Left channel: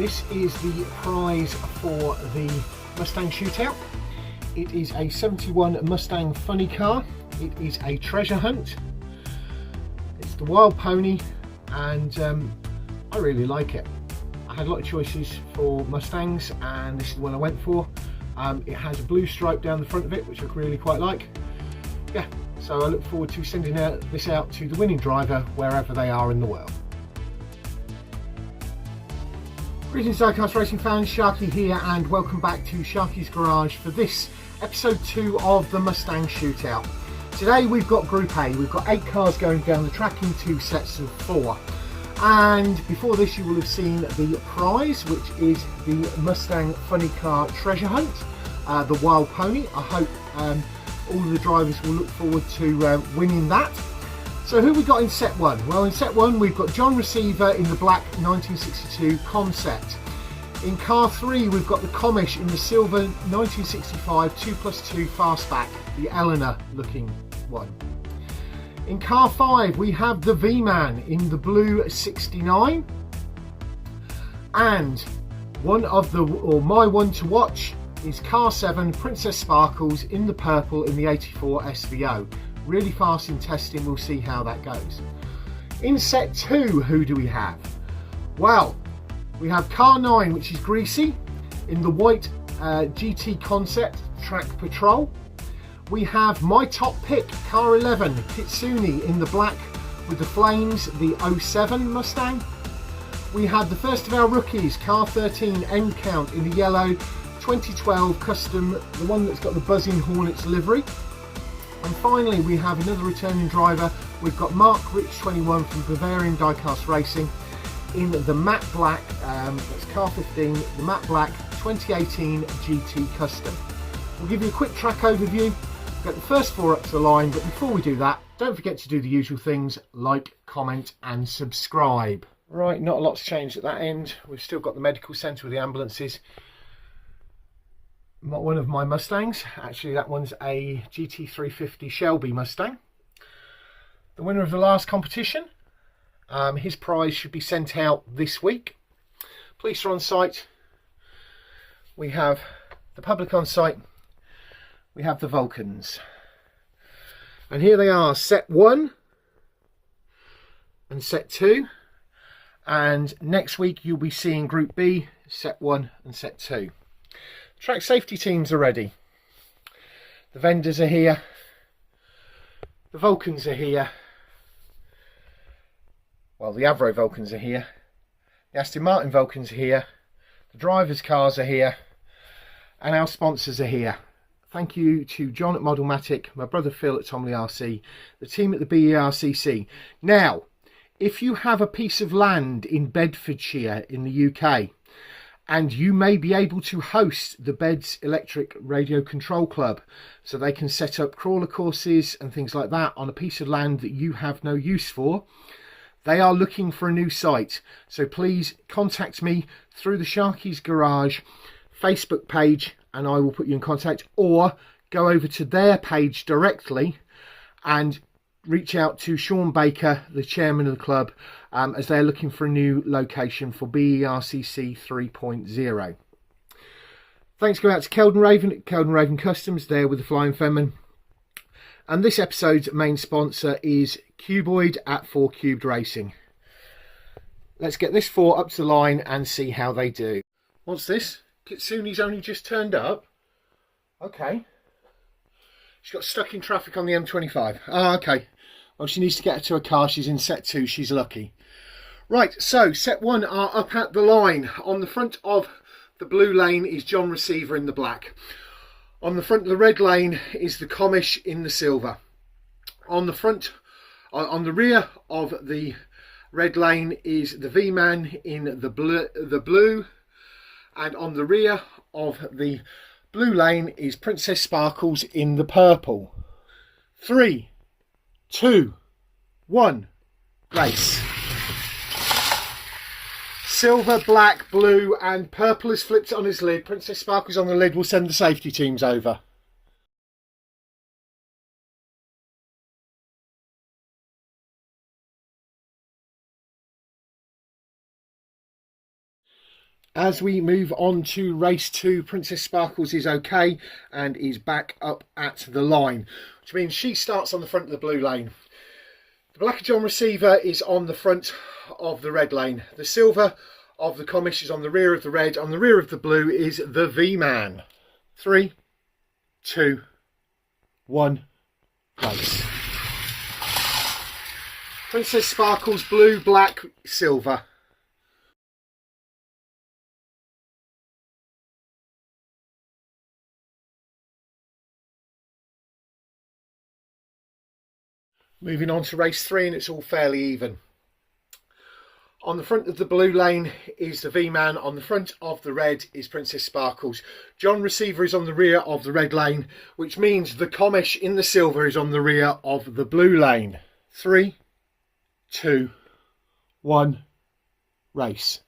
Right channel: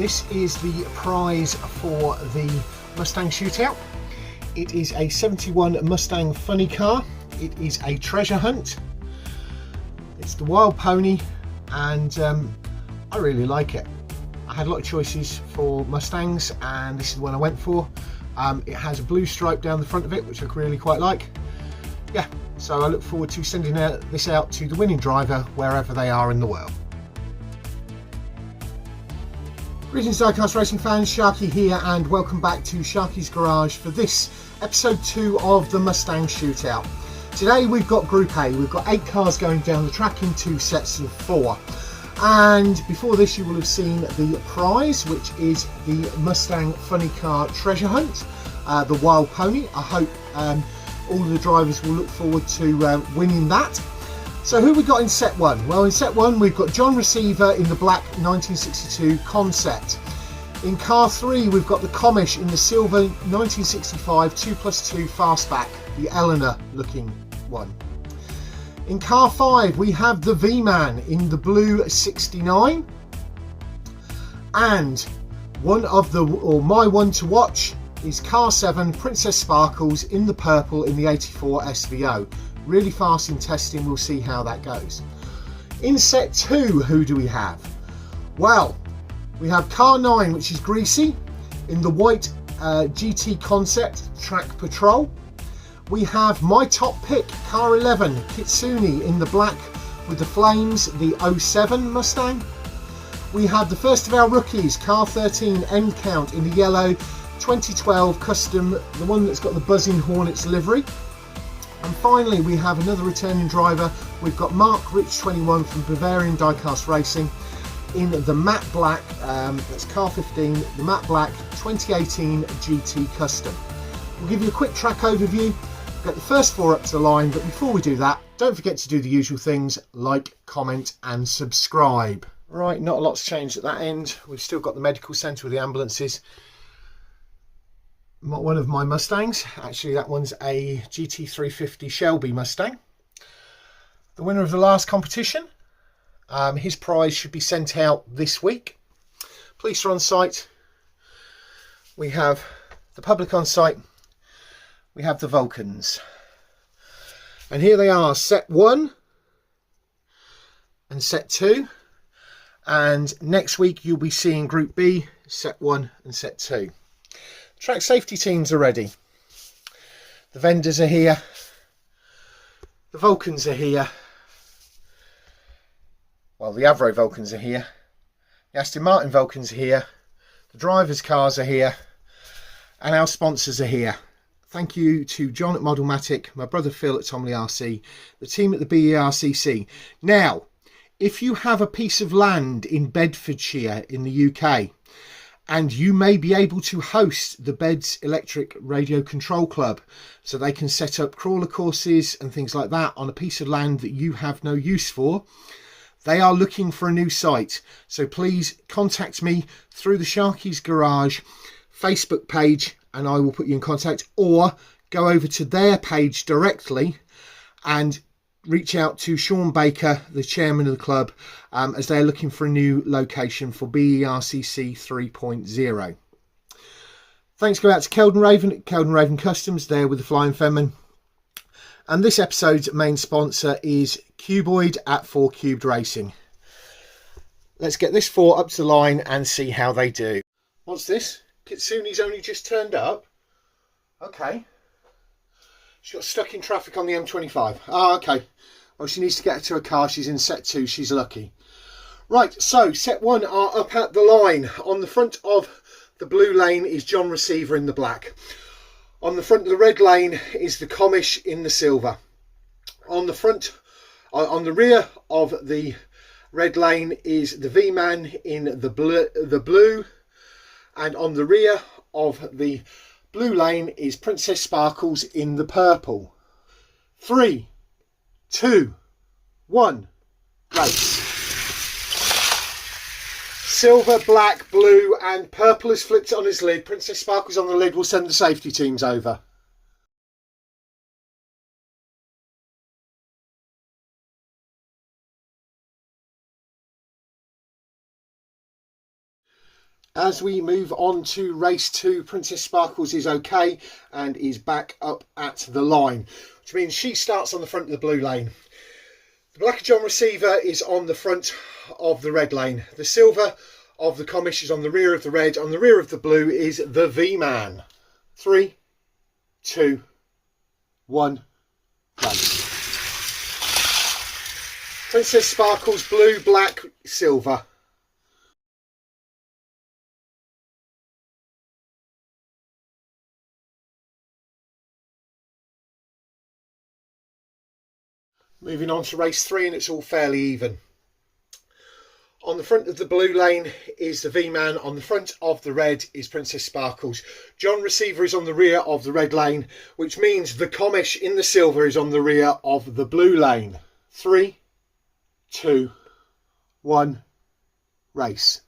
This is the prize for the Mustang Shootout. It is a 71 Mustang funny car. It is a treasure hunt. It's the Wild Pony, and I really like it. I had a lot of choices for Mustangs, and this is the one I went for. It has a blue stripe down the front of it, which I really quite like. Yeah, so I look forward to sending this out to the winning driver wherever they are in the world. Greetings Diecast Racing fans, Sharky here, and welcome back to Sharky's Garage for this episode 2 of the Mustang Shootout. Today we've got Group A. We've got 8 cars going down the track in 2 sets of 4. And before this you will have seen the prize, which is the Mustang Funny Car Treasure Hunt, the Wild Pony. I hope all of the drivers will look forward to winning that. So who we got in set 1? Well, in set 1 we've got John Receveur in the black 1962 concept. In car 3 we've got the Commish in the silver 1965 2+2 fastback, the Eleanor looking one. In car 5 we have the V-Man in the blue 69, and my one to watch is car 7 Princess Sparkles in the purple in the 84 SVO. Really fast in testing, we'll see how that goes. In set 2, who do we have? Well, we have car 9, which is Greasy in the white GT concept track patrol. We have my top pick, car 11, Kitsune in the black with the flames, the 07 Mustang. We have the first of our rookies, car 13, Endcount in the yellow 2012 custom, the one that's got the buzzing Hornets livery. And finally we have another returning driver. We've got Mark Rich 21 from Bavarian Diecast Racing in the matte black, that's car 15, the matte black 2018 GT custom. We'll give you a quick track overview, get the first 4 up to the line, but before we do that, don't forget to do the usual things, like, comment and subscribe. Right, not a lot's changed at that end. We've still got the medical centre with the ambulances. One of my Mustangs, actually that one's a GT350 Shelby Mustang. The winner of the last competition, his prize should be sent out this week. Police are on site, we have the public on site, we have the Vulcans. And here they are, set 1 and set 2. And next week you'll be seeing Group B, set 1 and set 2. Track safety teams are ready. The vendors are here. The Vulcans are here. Well, the Avro Vulcans are here. The Aston Martin Vulcans are here. The drivers' cars are here. And our sponsors are here. Thank you to John at Modelmatic, my brother Phil at Tomley RC, the team at the BERCC. Now, if you have a piece of land in Bedfordshire in the UK, and you may be able to host the Beds Electric Radio Control Club, so they can set up crawler courses and things like that on a piece of land that you have no use for. They are looking for a new site, so please contact me through the Sharky's Garage Facebook page and I will put you in contact, or go over to their page directly and reach out to Sean Baker, the chairman of the club, as they're looking for a new location for BERCC 3.0. Thanks go out to Keldon Raven at Keldon Raven Customs, there with the Flying Femin. And this episode's main sponsor is Cuboid at 4 Cubed Racing. Let's get this 4 up to the line and see how they do. What's this? Kitsune's only just turned up? Okay. She got stuck in traffic on the M25. Ah, okay. Well, she needs to get her to a car. She's in set 2. She's lucky. Right, so set 1 are up at the line. On the front of the blue lane is John Receveur in the black. On the front of the red lane is the Commish in the silver. On the rear of the red lane is the V-Man in the blue. And on the rear of the blue lane is Princess Sparkles in the purple. 3, 2, 1, race. Silver, black, blue and purple has flipped on his lid. Princess Sparkles on the lid. Will send the safety teams over. As we move on to race 2, Princess Sparkles is okay and is back up at the line, which means she starts on the front of the blue lane. The black John Receiver is on the front of the red lane. The silver of the Commish is on the rear of the red. On the rear of the blue is the V-Man. 3, 2, 1, race. Princess Sparkles, blue, black, silver. Moving on to race 3, and it's all fairly even. On the front of the blue lane is the V-Man. On the front of the red is Princess Sparkles. John Receiver is on the rear of the red lane, which means the Commish in the silver is on the rear of the blue lane. 3, 2, 1, race.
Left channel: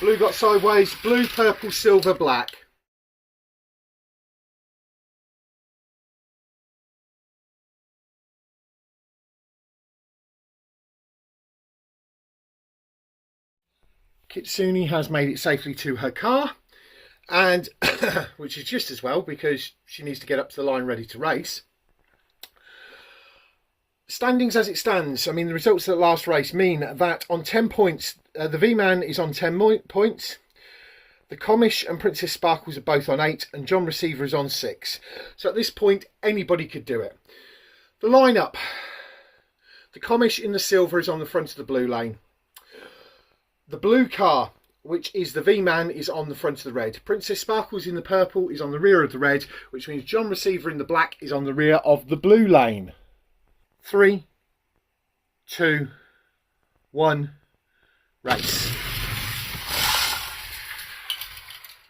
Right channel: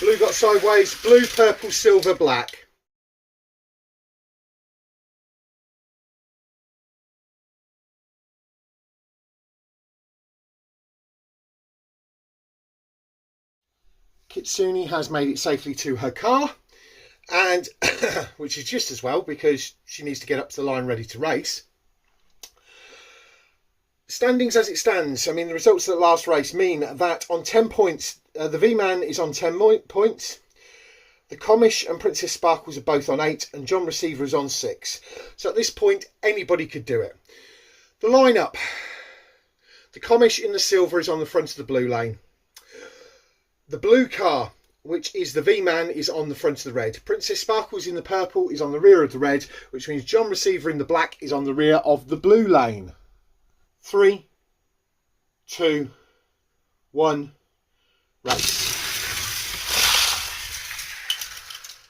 Blue got sideways, blue, purple, silver, black. Kitsune has made it safely to her car, and which is just as well because she needs to get up to the line ready to race. Standings as it stands, I mean the results of the last race mean that on 10 points, the V-Man is on 10 points, the Commish and Princess Sparkles are both on 8, and John Receiver is on 6. So at this point anybody could do it. The lineup: the Commish in the silver is on the front of the blue lane. The blue car, which is the V-Man, is on the front of the red. Princess Sparkles in the purple is on the rear of the red, which means John Receiver in the black is on the rear of the blue lane. 3, 2, 1, race.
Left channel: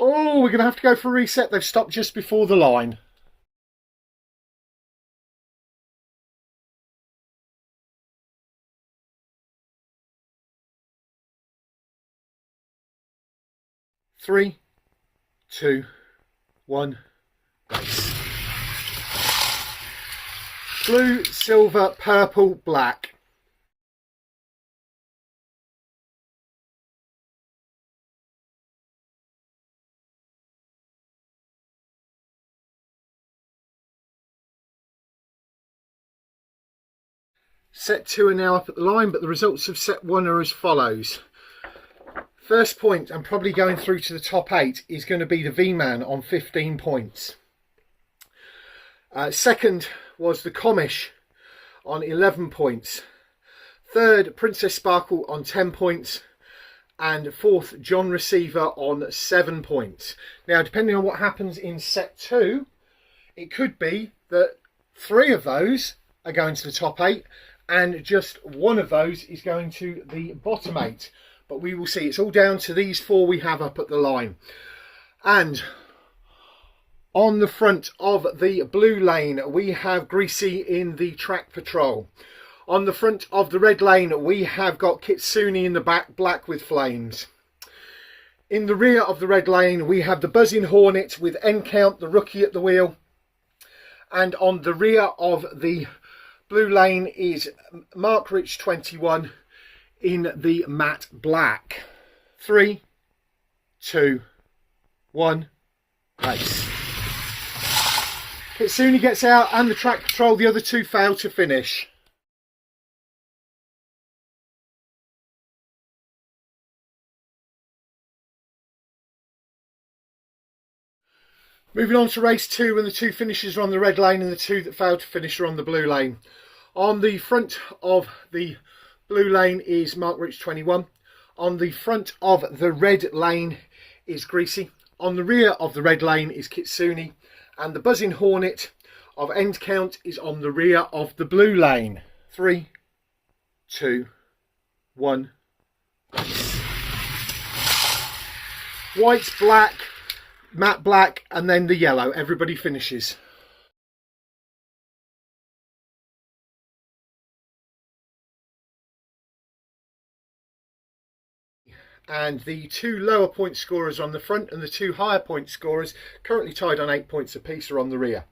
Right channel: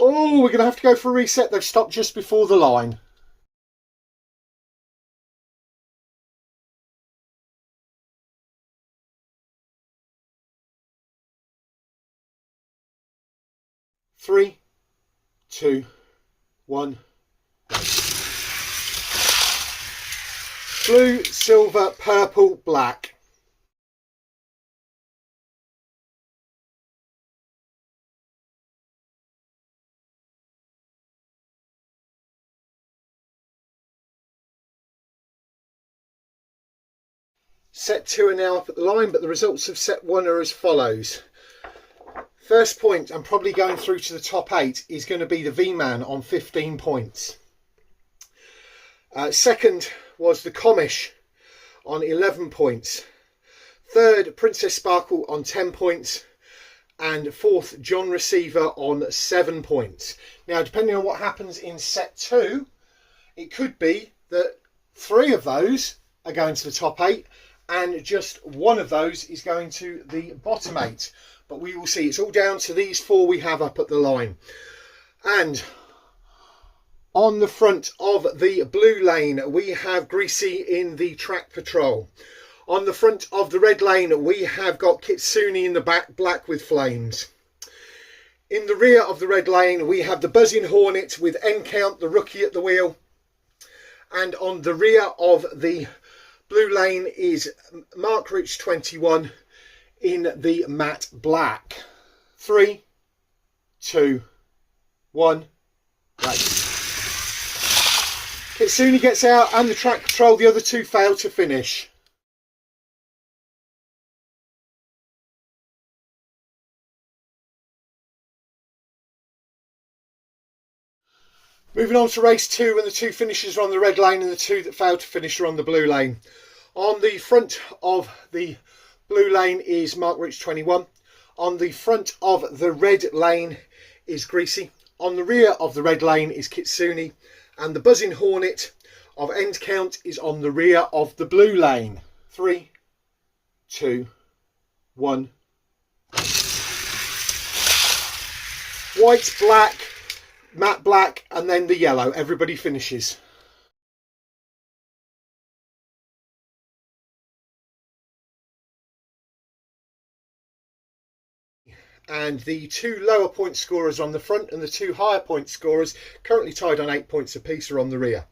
Oh, we're going to have to go for a reset. They've stopped just before the line. Three, 2, 1. Blue, silver, purple, black. Set 2 are now up at the line, but the results of set 1 are as follows. First point, and probably going through to the top 8, is going to be the V-Man on 15 points. Second was the Commish on 11 points. Third, Princess Sparkle on 10 points. And fourth, John Receiver on 7 points. Now, depending on what happens in set 2, it could be that 3 of those are going to the top 8 and just 1 of those is going to the bottom 8. But we will see. It's all down to these 4 we have up at the line. And on the front of the blue lane, we have Greasy in the track patrol. On the front of the red lane, we have got Kitsune in the back, black with flames. In the rear of the red lane, we have the buzzing Hornet with Endcount, the rookie, at the wheel. And on the rear of the blue lane is Mach-e 21 in the matte black. 3, 2, 1, race. Kitsune gets out and the track patrol, the other 2 fail to finish. Moving on to race 2, and the 2 finishers are on the red lane and the 2 that failed to finish are on the blue lane. On the front of the blue lane is Mach-e 21. On the front of the red lane is Greasy. On the rear of the red lane is Kitsune. And the buzzing Hornet of Endcount is on the rear of the blue lane. 3, 2, 1. White, black, matte black, and then the yellow. Everybody finishes. And the 2 lower point scorers on the front and the 2 higher point scorers, currently tied on 8 points apiece, are on the rear.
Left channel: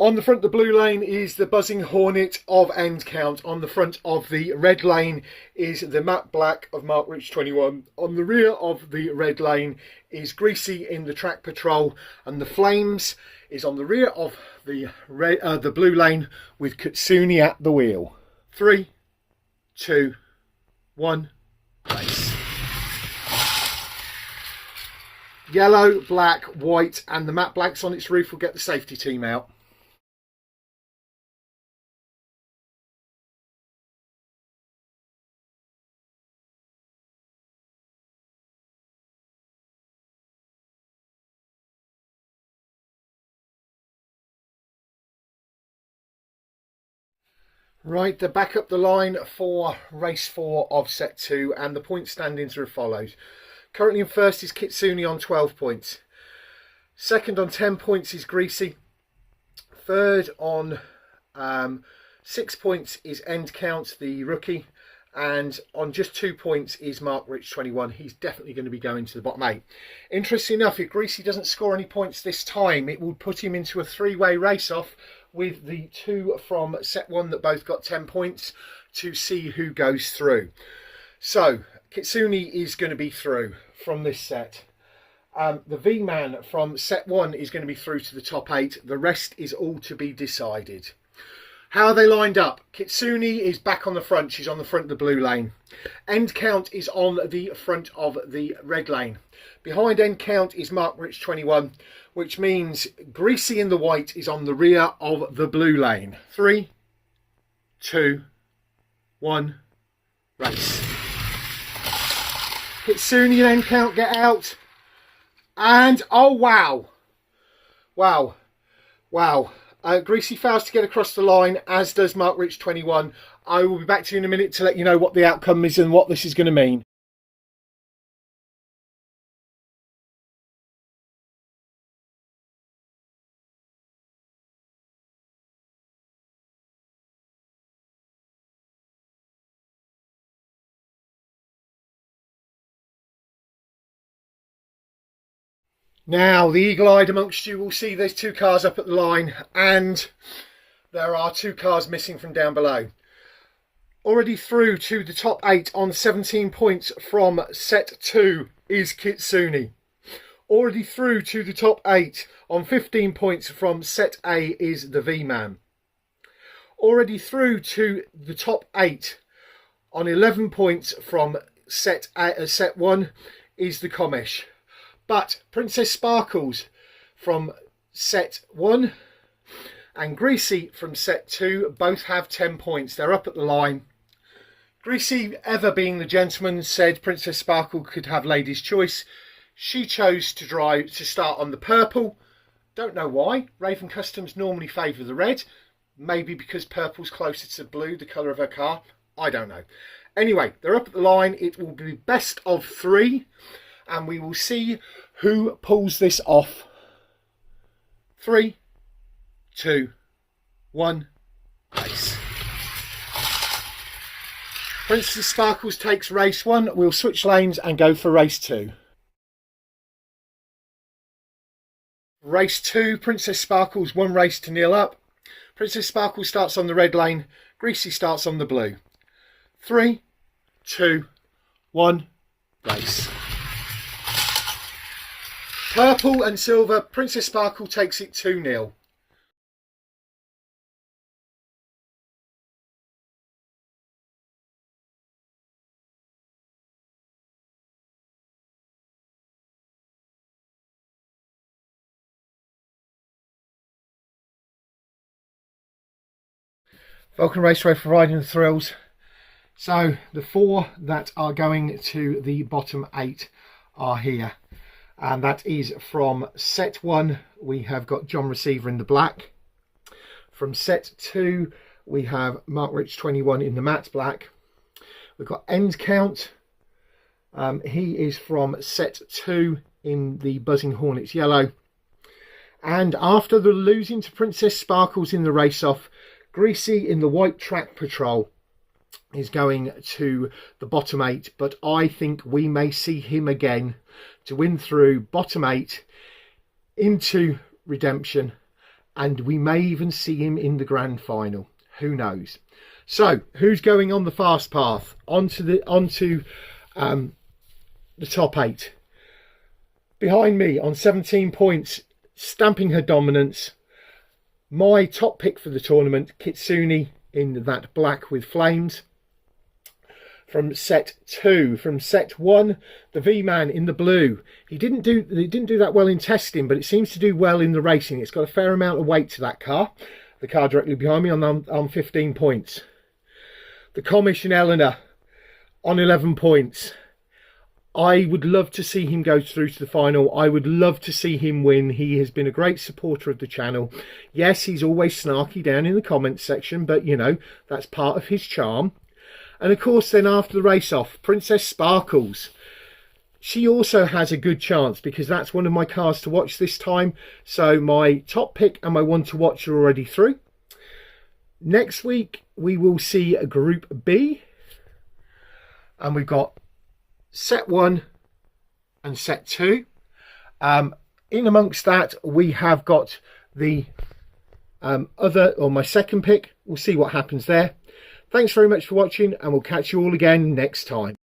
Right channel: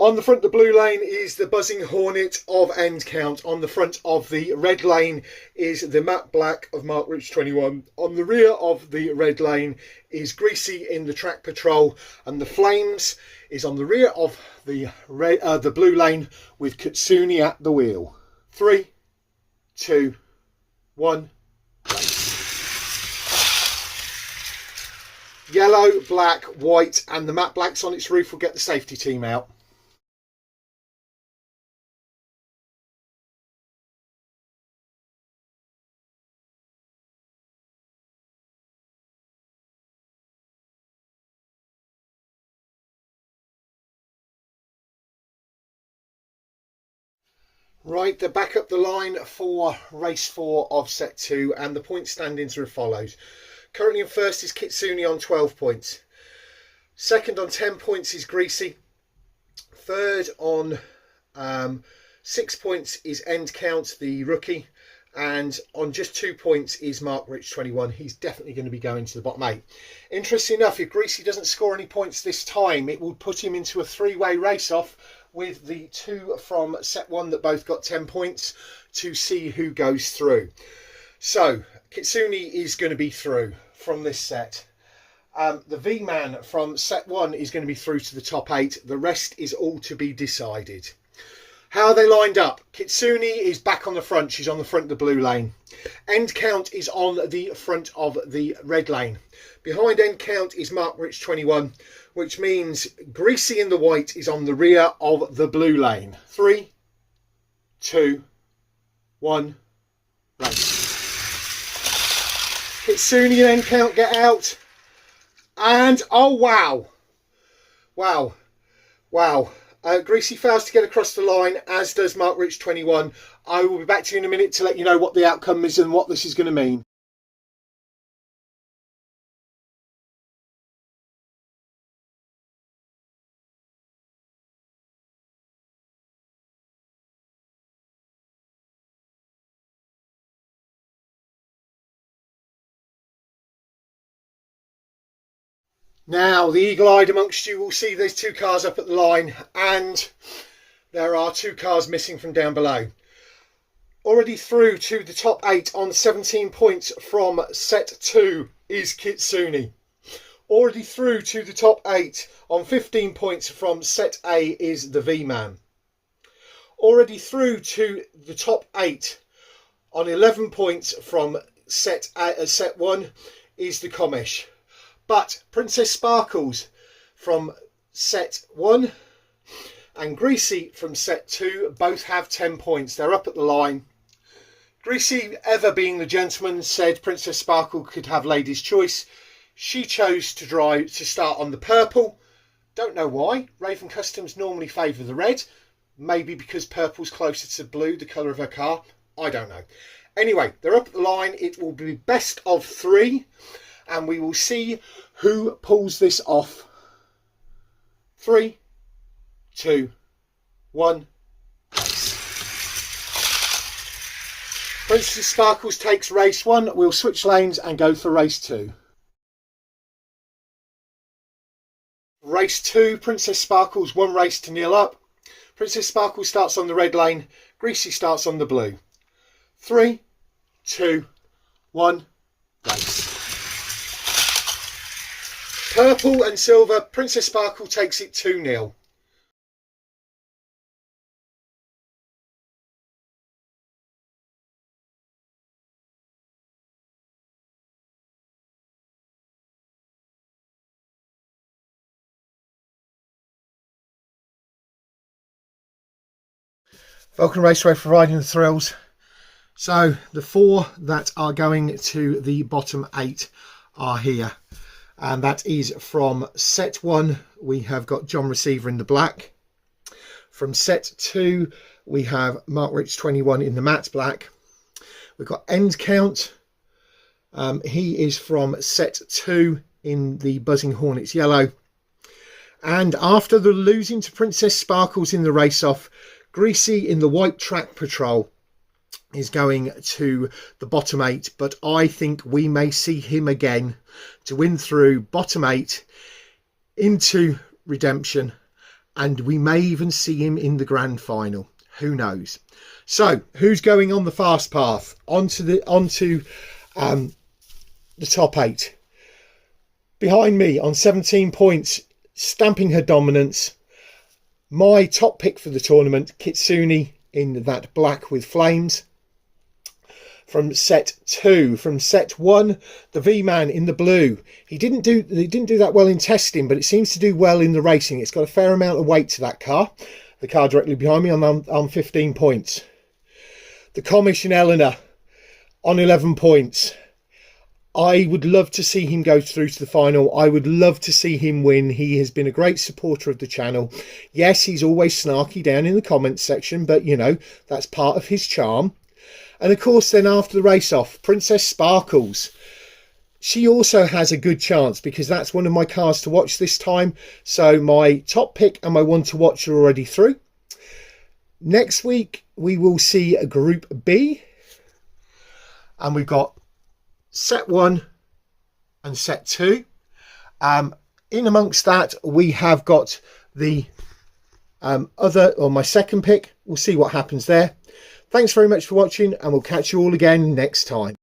On the front of the blue lane is the Buzzing Hornet of Endcount. On the front of the red lane is the matte black of Mach-e 21. On the rear of the red lane is Greasy in the Track Patrol, and the Flames is on the rear of the blue lane with Kitsune at the wheel. 3, 2, 1. Yellow, black, white, and the matte blacks on its roof will get the safety team out. Right, they're back up the line for race 4 of set 2, and the point standings are as follows. Currently in first is Kitsune on 12 points. Second on 10 points is Greasy. Third on 6 points is Endcount, the rookie. And on just 2 points is Mach-e 21. He's definitely going to be going to the bottom 8. Interesting enough, if Greasy doesn't score any points this time, it will put him into a 3-way race-off with the 2 from set 1 that both got 10 points to see who goes through. So Kitsune is going to be through from this set. The V-Man from set 1 is going to be through to the top 8. The rest is all to be decided. How are they lined up? Kitsune is back on the front. She's on the front of the blue lane. Endcount is on the front of the red lane. Behind Endcount is Mach-e 21, which means Greasy in the white is on the rear of the blue lane. 3, 2, 1, race. Kitsune and Endcount get out. And, oh wow. Wow. Wow. Greasy fails to get across the line, as does Mach-e 21. I will be back to you in a minute to let you know what the outcome is and what this is going to mean. Now, the eagle-eyed amongst you will see there's 2 cars up at the line, and there are 2 cars missing from down below. Already through to the top 8 on 17 points from set 2 is Kitsune. Already through to the top 8 on 15 points from set A is the V-Man. Already through to the top 8 on 11 points from set 1 is the Commish. But Princess Sparkles from set 1 and Greasy from set 2 both have 10 points. They're up at the line. Greasy, ever being the gentleman, said Princess Sparkle could have ladies' choice. She chose to start on the purple. Don't know why. Raven Customs normally favour the red. Maybe because purple's closer to blue, the colour of her car. I don't know. Anyway, they're up at the line. It will be best of 3. And we will see who pulls this off. 3, 2, 1. Princess Sparkles takes race 1. We'll switch lanes and go for race 2. Race 2, Princess Sparkles 1 race to 0 up. Princess Sparkles starts on the red lane. Greasy starts on the blue. 3, 2, 1, race. Purple and silver, Princess Sparkle takes it 2-0. Vulcan Raceway providing the thrills. So the 4 that are going to the bottom 8 are here. And that is from set 1, we have got John Receiver in the black. From set 2, we have Mach-e 21 in the matte black. We've got Endcount. He is from set 2 in the Buzzing Hornets yellow. And after the losing to Princess Sparkles in the race-off, Greasy in the white Track Patrol is going to the bottom 8, but I think we may see him again to win through bottom 8 into redemption and we may even see him in the grand final. Who knows? So who's going on the fast path onto the top 8? Behind me on 17 points, stamping her dominance, my top pick for the tournament, Kitsune, in that black with flames. From set 2, from set 1, the V-Man in the blue. He didn't do that well in testing, but it seems to do well in the racing. It's got a fair amount of weight to that car. The car directly behind me on 15 points. The Commish and Eleanor on 11 points. I would love to see him go through to the final. I would love to see him win. He has been a great supporter of the channel. Yes, he's always snarky down in the comments section, but you know, that's part of his charm. And of course, then after the race off, Princess Sparkles. She also has a good chance because that's one of my cars to watch this time. So my top pick and my one to watch are already through. Next week, we will see a Group B. And we've got set 1 and set 2. In amongst that, we have got the my second pick. We'll see what happens there. Thanks very much for watching, and we'll catch you all again next time.